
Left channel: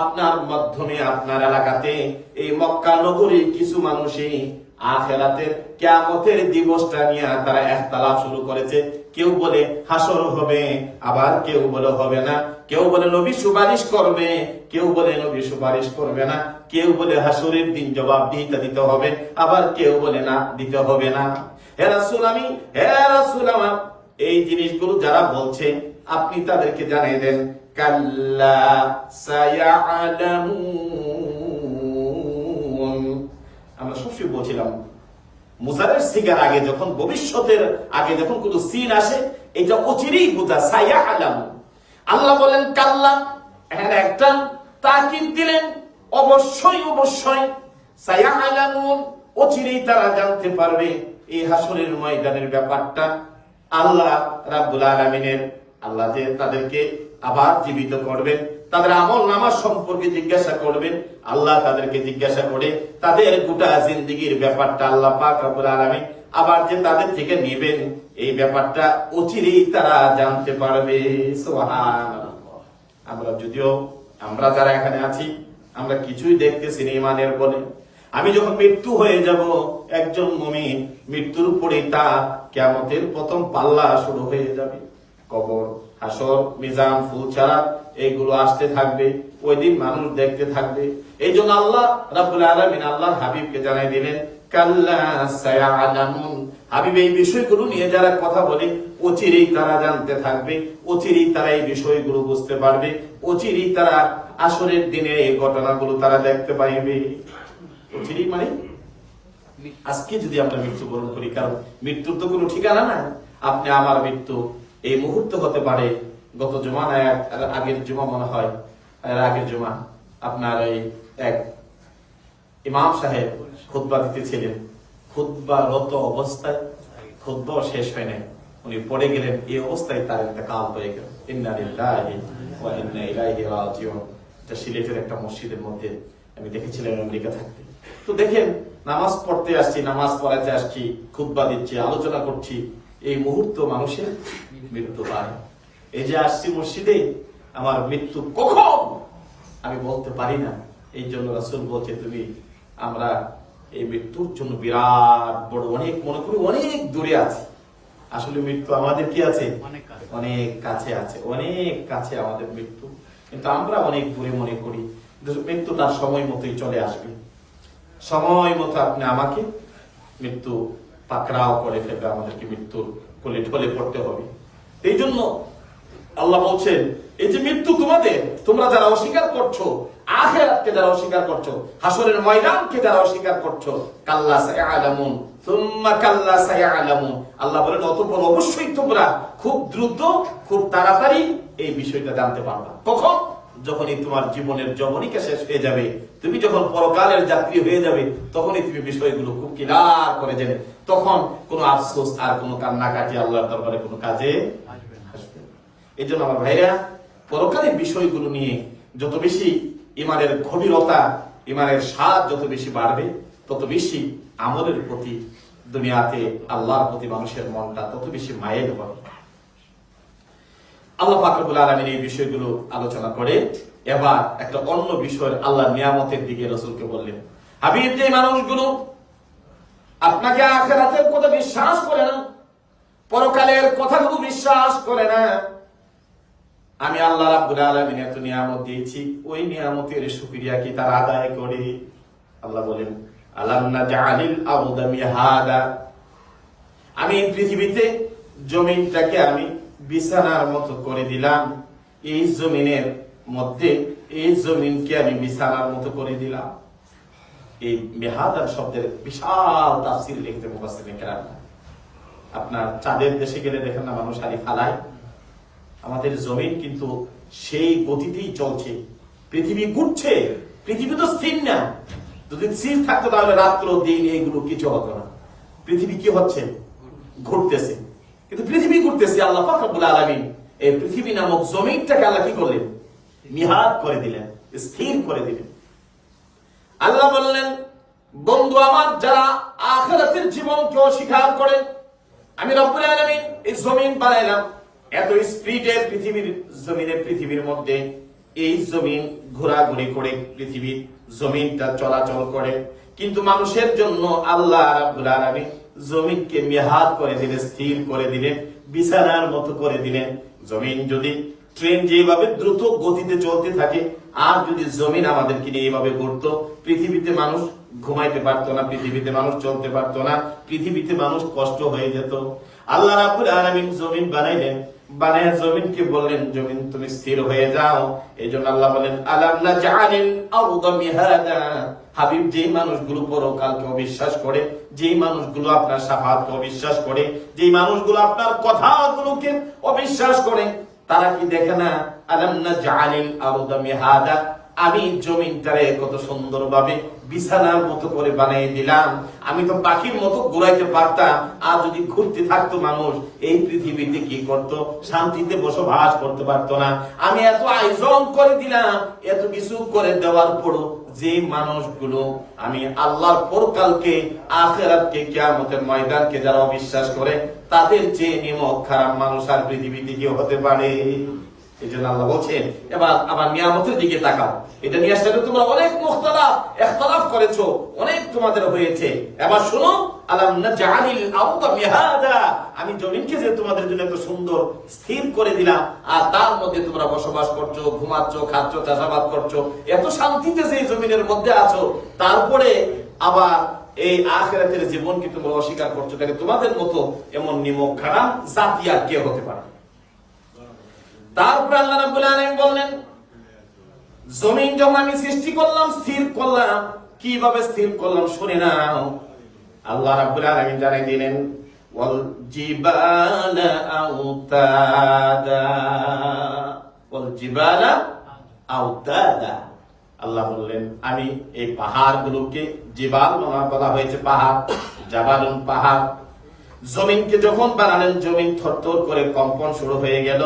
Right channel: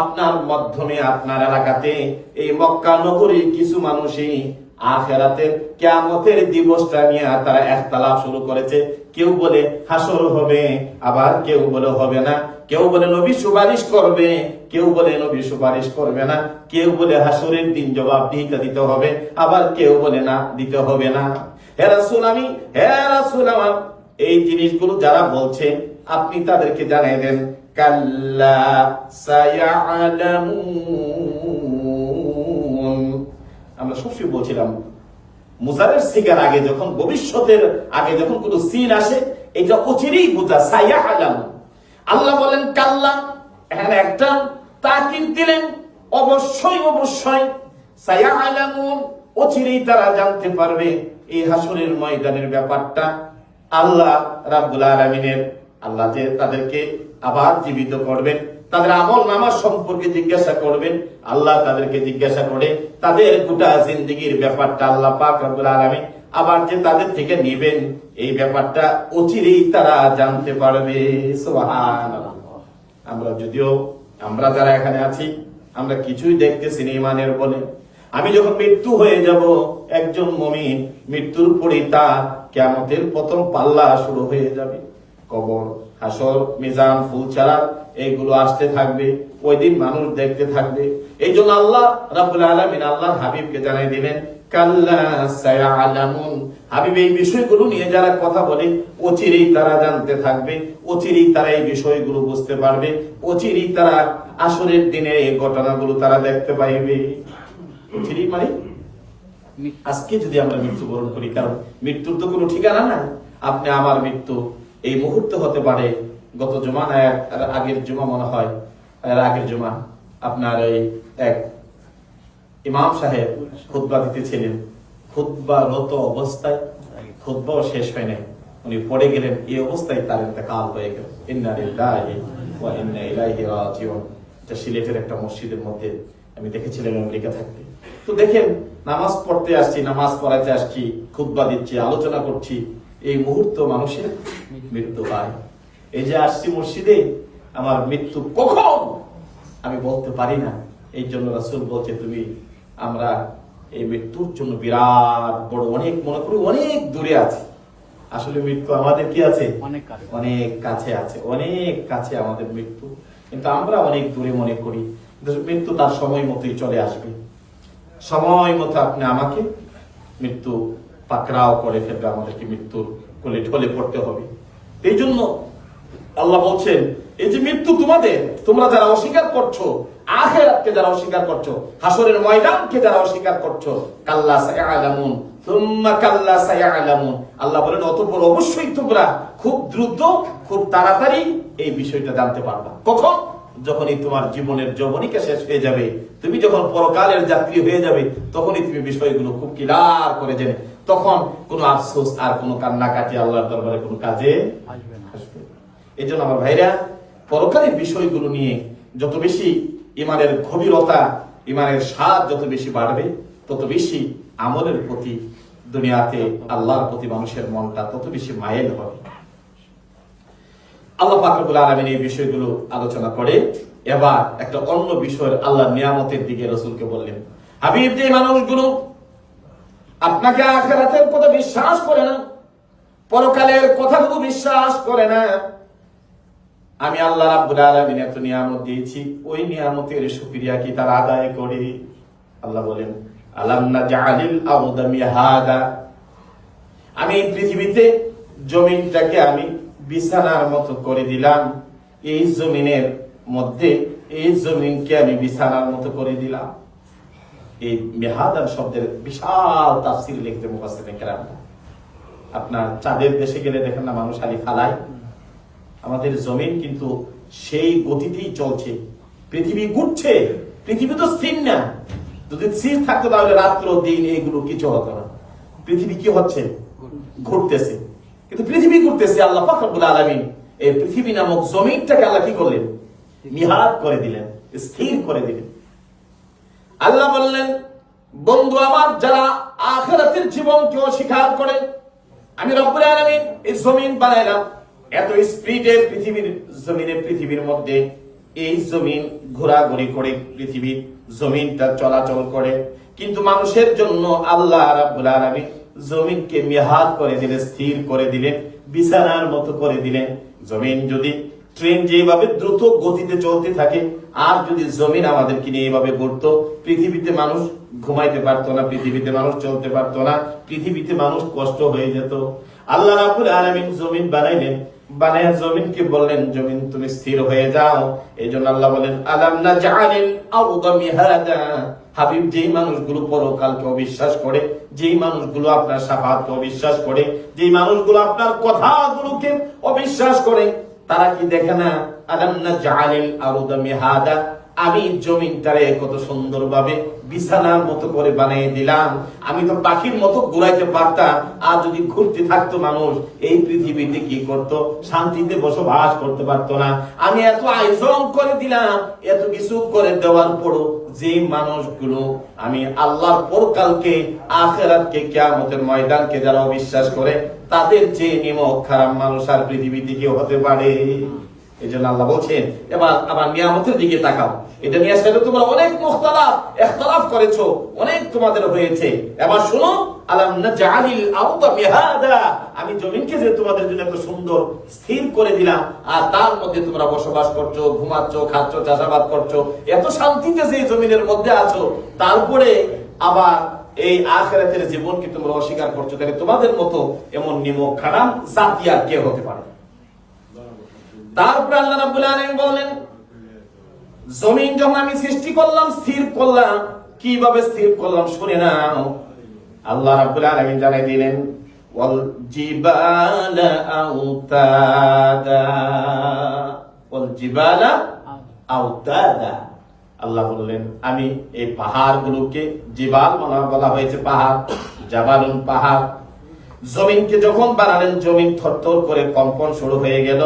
আপনার মাধ্যমে, আপনার এলাকাতে, এই মক্কা নগরী কিছু মানুষই আখেরাতের কিয়ামতের দিবসটা নিয়ে তারা একতালাপ শুরু করেছে। কেউ বলে হাসর হবে, আবার কেউ বলে হবে না। কেউ বলে নবী সুপারিশ করবে, কেউ বলে নবী সুপারিশ করবে না। কেউ বলে হাসরের দিন জবাব দিতে দিতে হবে, আবার কেউ বলে না, দিতে হবে না। হে রাসূল আমি, হে রাসূল আমার, এই জিনিসগুলো যারা বলছে, আপনি তাদেরকে জানিয়ে দেন, কাল্লা সায়ালামুন। আমরা সবসময় বলছিলাম মুজারের সিগার আগে যখন, ভবিষ্যতের আগে যখন কোনো সিন আসে, এটা অচিরেই বোঝা সাইয়া আলাম আল্লাহ বলেন, কাল্লা। এখানে একটা তাকিদ দিলেন। অবশ্যই অবশ্যই সাইয়া আলামুন অচিরেই তারা জানতে পারবে এই হাসরের ময়দানের ব্যাপারটা। আল্লাহ রাব্বুল আলামিনের, আল্লাহ যে তাদেরকে আবার জীবিত করবেন, তাদের আমল নামাজ সম্পর্কে জিজ্ঞাসা করবেন, আল্লাহ তাদেরকে জিজ্ঞাসা করে তাদের গোটা জিন্দগির ব্যাপারটা আল্লাহ পাক রব্বুল আলামিন আবার যে তাদের থেকে নেবেন, এই ব্যাপারটা অচিরেই তারা জানতে পারবে। আমরা যদিও, আমরা যারা এখানে আছি, আমরা কিছুই দেখতে সিনেমানের বলে আমি যখন মৃত্যু হয়ে যাব, একজন মমিন মৃত্যুর পরে তা কেমতের প্রথম পাল্লা শুরু হয়ে যাবে। কবর হাসর মিজান, ফুল ছাড়া এইগুলো আসতে থাকবে, ওই দিন মানুষ দেখতে থাকবে। এই জন্য আল্লাহ রাবুল আলমিন আল্লাহ হাবিবকে জানাই দিলেন হাবিব, এই বিষয়গুলো নিয়ে যারা কথা বলে, অচিরেই জানতে থাকবে এই বিষয়গুলো বুঝতে পারবে এই ঘটনাগুলো তারা দেখতে পাইবে। মানে? আজকে যদি আমরা মৃত্যুবরণ করি, কারণ মৃত্যুর তো কোনো ঠিকানা নাই। আপনি আমার মৃত্যু এই মুহূর্তে হতে পারে, গত এক আগের জমা মনে হয় আগের জমা আপনার এই এক ইমাম সাহেব খুতবা দিতেছিলেন। খুতবা রত অবস্থায়, খুতবাও শেষ হয় নাই। উনি পড়ে গেলেন, এই অবস্থায় তার ইন্তেকাল হয়ে গেল। এটা সিলেটের একটা মসজিদের মধ্যে আমি দেখেছিলাম আমেরিকা থাকতে। তো দেখেন, নামাজ পড়তে আসছি, নামাজ পড়াতে আসছি, খুতবা দিচ্ছি, আলোচনা করছি। এই মুহূর্ত মানুষের মৃত্যু হয়। এই যে আসছি মসজিদে আমার মৃত্যু কখন? আমি বলতে পারি না। এই জন্য রাসুল বলছে তুমি আমরা এই মৃত্যুর জন্য বিরাট বড় অনেক মনে করি অনেক দূরে আছি। আসলে মৃত্যু আমাদের কি আছে? অনেক কাছে। আছে অনেক কাছে আমাদের মৃত্যু। কিন্তু আমরা অনেক দূরে মনে করি। মৃত্যু তার সময় মতোই চলে আসবে। সময় মতো আপনি আমাকে মৃত্যু পাকড়াও করে ফেলবে। আমাদেরকে মৃত্যুর কোলে ঢলে পড়তে হবে। এই জন্য আল্লাহ বলছেন, এই যে মৃত্যু তোমাদের, তোমরা যারা অস্বীকার করছ, আখেরাতকে যারা অস্বীকার করছ হাসরের ময়দানকে যারা অস্বীকার করছ, কাল্লা সায়ালামুন তুম্মা কাল্লা সায়ালামুন আল্লাহ বলেন, অতঃপর অবশ্যই তোমরা খুব দ্রুত, খুব তাড়াতাড়ি এই বিষয়টা জানতে পারবা কখন যখনই তোমার জীবনের যবনিকা শেষ হয়ে যাবে, তুমি যখন পরকালের যাত্রী হয়ে যাবে, তখনই তুমি বিষয়গুলো খুব ক্লিয়ার করে জেনে, তখন কোনো আফসোস আর কোনো কান্নাকাটি আল্লাহর দরবারে কোনো কাজে। এই জন্য আমার ভাইরা পরকালের বিষয়গুলো নিয়ে যত বেশি ইমানের গভীরতা, ইমানের স্বাদ যত বেশি বাড়বে, তত বেশি আমলের প্রতি দুনিয়াতে আল্লাহর প্রতি মানুষের মনটা তত বেশি মায়েল হবে। আল্লাহ পাকরুল আলমিন এই বিষয়গুলো আলোচনা করে, এবার একটা অন্য বিষয়ের আল্লাহ নিয়ামতের দিকে রসুলকে বললেন, হাবিব, যে মানুষগুলো আপনাকে আখেরাতের কথা বিশ্বাস করে না, পরকালের কথাগুলো বিশ্বাস করে না আমি আল্লাহ রাব্বুল আলামিন এত নিয়ামত দিয়েছি। ওই নিয়ামতের শুকরিয়া কি তারা আদায় করে? আল্লাহ বলেন, আলাম আরদা মিহাদা? আমি এই পৃথিবীতে জমিনটাকে আমি বিছানার মতো করে দিলাম। এই জমিনের মধ্যে এই জমিনকে আমি বিছানার মতো করে দিলাম। এই মেহাদান শব্দের বিশাল তাফসির লিখতে আপনার চাঁদের দেশে গেলে দেখেন না মানুষ আলি ফালায় আমাদের জমিন কিন্তু সেই গতিতেই চলছে। পৃথিবী ঘুরছে, পৃথিবী তো স্থির না। যদি স্থির থাকতো তাহলে রাত্র দিন এইগুলো কিছু হতো না। পৃথিবী কি হচ্ছে? ঘুরতেছে। কিন্তু পৃথিবী ঘুরতেছে, আল্লাহ ফাকরুল আলমিন। এই পৃথিবী নামক জমিনটাকে আল্লাহ কি করলেন? মিহাদ করে দিলেন, স্থির করে দিলেন। আল্লাহ বললেন, বন্ধু আমার, যারা আখেরাতের জীবনকে অস্বীকার করে, আমি রব্বুল আলামিন এই জমিন বানাইলাম। এত স্পিডে পৃথিবীর জমিনের পৃথিবীর মধ্যে এই জমিন ঘোরাঘুরি করে, পৃথিবীর জমিনটা চলাচল করে। কিন্তু মানুষের জন্য আল্লাহ আলামিন জমিনকে মেহাদ করে দিলেন, স্থির করে দিলেন, বিছানার মতো করে দিলেন। জমিন যদি ট্রেন যেভাবে দ্রুত গতিতে চলতে থাকে, আর যদি জমিন আমাদেরকে নিয়ে এভাবে ঘুরতো, পৃথিবীতে মানুষ ঘুমাইতে পারতো না, পৃথিবীতে মানুষ চলতে পারতো না, পৃথিবীতে মানুষ কষ্ট হয়ে যেত। আল্লাহ রাবুল আলামিন জমিন বানাইলেন বানায় জমিনকে বললেন? জমিন তুমি স্থির হয়ে যাও। এই জন্য আল্লাহ বলেন, আলাম না জানেন হাবিব, যেই মানুষগুলো পরকালকে অবিশ্বাস করে, যেই মানুষগুলো আপনার সাফাতকে অবিশ্বাস করে, যেই মানুষগুলো আপনার কথাগুলোকে অবিশ্বাস করে, তারা কি দেখে না? আলাম না জানিল আরুদমি মিহাদা আমি জমিনটারে কত সুন্দরভাবে বিছানার মতো করে বানিয়ে দিলাম। আমি তো পাখির মতো ঘুরাইতে পারতাম। আর যদি ঘুরতে থাকতো মানুষ, এই পৃথিবীতে কি করত? শান্তিতে বসবাস করতে পারতো না। আমি এত আয়োজন করে দিলাম, এত কিছু করে দেওয়ার পরও যে মানুষগুলো আমি আল্লাহর পরকালকে, আখেরাতকে, কিয়ামতের ময়দানকে যারা অবিশ্বাস করে, তাদের যে নিমক খারাপ মানুষ আর পৃথিবীতে কেউ হতে পারে। এই জন্য আল্লাহ বলছেন, এবার নিয়ামতের দিকে তাকাও। এটা নিয়ে আসলে তোমরা অনেক অনেক তোমাদের হয়েছে। এবার আলাম না মিহাদা আমি জমিনকে যে তোমাদের জন্য এত সুন্দর স্থির করে দিলাম, আর তার মধ্যে তোমরা বসবাস করছ, ঘুমাচ্ছ, খাচ্ছ, চাষাবাদ করছ, এত শান্তিতে যে জমিনের মধ্যে আছো, তারপরে আবার এই আখেরাতের জীবনকে তোমরা অস্বীকার করছ, তাহলে তোমাদের মতো এমন নিমক খারাপ জাতি আর কে হতে পারে? তারপরে আল্লাহ রাব্বুল আলামিন বললেন, জমিন যখন আমি সৃষ্টি করলাম, স্থির করলাম, কীভাবে স্থির করলাম শুনে নাও। আল্লাহ রাব্বুল আলামিন জানাই দিলেন, ওয়াল জিবালা আউতাদা, ওয়াল জিবালা আউতাদা। আল্লাহ বললেন, আমি এই পাহাড়গুলোকে জিবাল বলা বলা হয়েছে পাহাড়, জাবালুন পাহাড়। জমিনকে যখন বানালেন, জমিন থরথর করে কম্পন শুরু হয়ে গেল।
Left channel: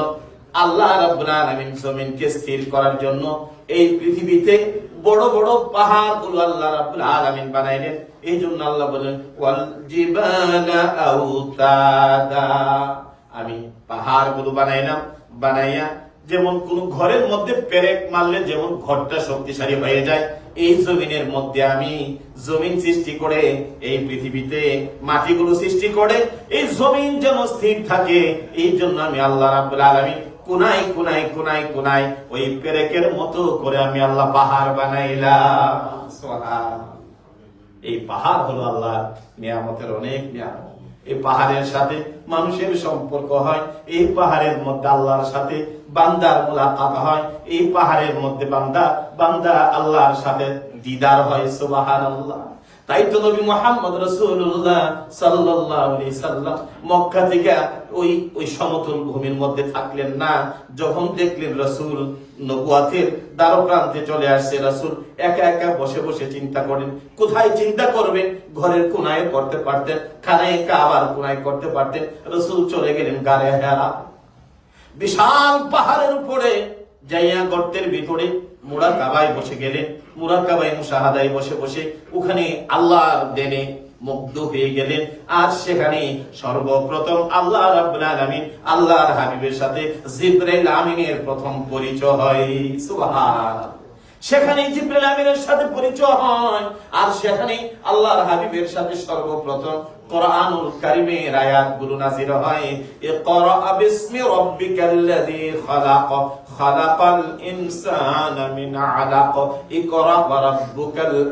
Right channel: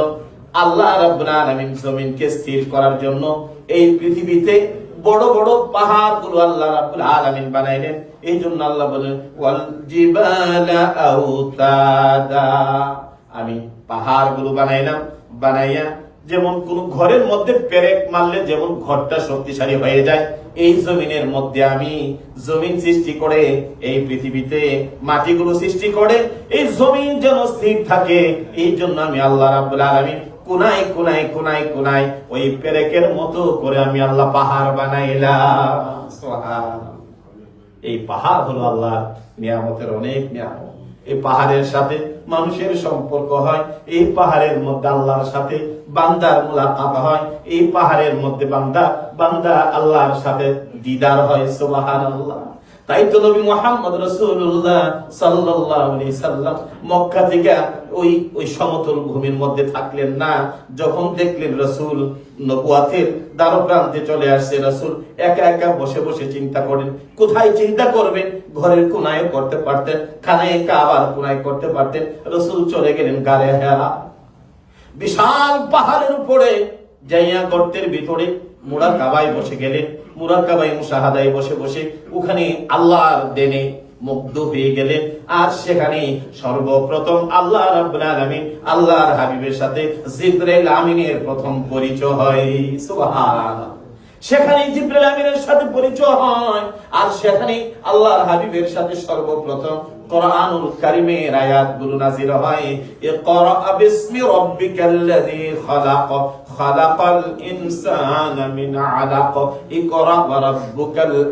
আল্লাহ রাব্বুল আলামিন জমিনকে স্থির করার জন্য এই পৃথিবীতে বড় বড় পাহাড়গুলো আল্লাহ রাব্বুল আলামিন বানাইলেন। এই জন্য আল্লাহ বলেন, ওয়াল জিবালা আমি পাহাড়গুলো বানাইলাম, বানাইয়া যেমন কোন ঘরের মধ্যে পেরেক মারলে যেমন ঘরটা শক্তিশালী হয়ে যায়, এই জমিনের মধ্যে আমি জমিন সৃষ্টি করে, এই পৃথিবীতে মাটিগুলো সৃষ্টি করে, এই জমিন যেন স্থির থাকে, এই জন্য আমি আল্লাহ রাব্বুল আলামিন কোনায় কোনায় কোনায় কোনায় ওই পেরেকের মতো করে আমি আল্লাহ পাহাড় বানাইলাম। এই পাহাড় হলো আল্লাহ নিয়ামতের অনেক নিয়ামত। এই পাহাড়ের সাথে মানুষের সম্পর্ক হয়, এই পাহাড়ের মধ্যে আল্লাহর সাথে বান্দার মোলাকাত হয়, এই পাহাড়ের মধ্যে বান্দা বান্দা আল্লাহর সাথে দিদার হয় সুবাহান আল্লাহ তাই তো নবী মোহাম্মদ রসুল্লাহ আলাইহি সাল্লাম মক্কা থেকে ওই ওই সমতল ভূমির মধ্যে থাকলেন না। যখন দেখলেন রসুল চলে আসছে, রসুল একা একা বসে বসে চিন্তা করেন, কোথায় চিন্তা করবেন? ঘরের কোনায় করতে পারতেন, খানায় কাবার কোনায় করতে পারতেন। রসুল চলে গেলেন হেরা বিশাল পাহাড়ের উপরে যাইয়া গর্তের ভিতরে মুরাদ কাবায় বসে গেলেন। মুরাদ কাবাই মুসাহাদায় বসে বসে ওখানে আল্লাহর দেনে মুগ্ধ হয়ে গেলেন। আর সেখানে সর্বপ্রথম আল্লাহ রাব্বুল আলামিন আল্লাহর হাবিবের সাথে জিব্রাইল আমিনের প্রথম পরিচয় হয়। সুবহানাল্লাহ। সেখানে জিব্রাইল আমিনের সাথে পরিচয় হয়। আর সেখানে আল্লাহর হাবিবের সাথে সর্বপ্রথম কোরআনুল কারিমের নাজির হয় বিসমি খালাক, খালাকাল ইনসানা মিন আলাক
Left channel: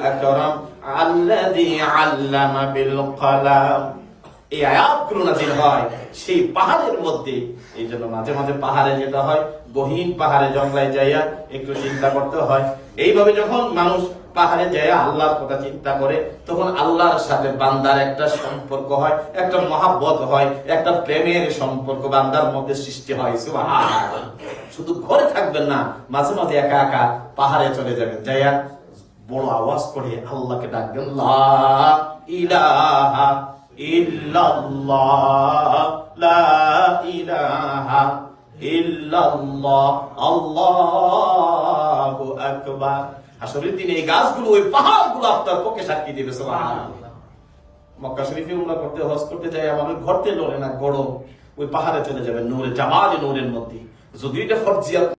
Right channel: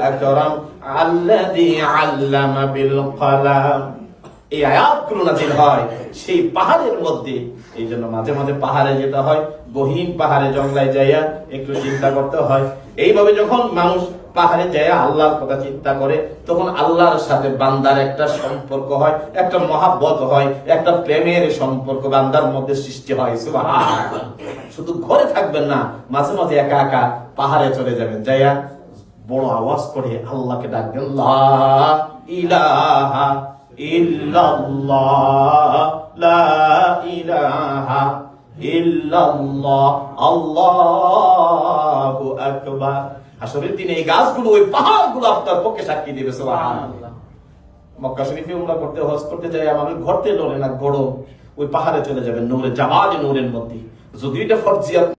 আকরাম, আল্লাযী আল্লামা বিল কলাম। এই হয় সেই পাহাড়ের মধ্যে। এই জন্য মাঝে মাঝে পাহাড়ে যেটা হয়, গহীন পাহাড়ে জঙ্গলায় যাইয়া একটু চিন্তা করতে হয়। এইভাবে যখন মানুষ পাহাড়ে যায়, আল্লাহর কথা চিন্তা করে, তখন আল্লাহর সাথে বান্দার একটা সম্পর্ক হয়, একটা মহাব্বত হয়, একটা প্রেমের সম্পর্ক বান্দার মধ্যে সৃষ্টি হয় শুধু ঘরে থাকবেন না, মাঝে মাঝে একা একা পাহাড়ে চলে যাবেন। যাইয়া বড় আওয়াজ করে আল্লাহকে ডাকবেন ইলাহা ইল্লাল্লাহ, লা ইলাহা ইল্লাল্লাহ, আল্লাহু আকবার। আসরের তিনি এই গাছগুলো, ওই পাহাড়গুলো আপনার পক্ষে সাক্ষী দেবে মক্কা শরীফে উমরা করতে, হজ করতে যাই আমাদের ঘরতে লড়ে না, গরম। ওই পাহাড়ে চলে যাবেন, নূরে জামাল নূরের মধ্যে। যদি এটা ফরজিয়াত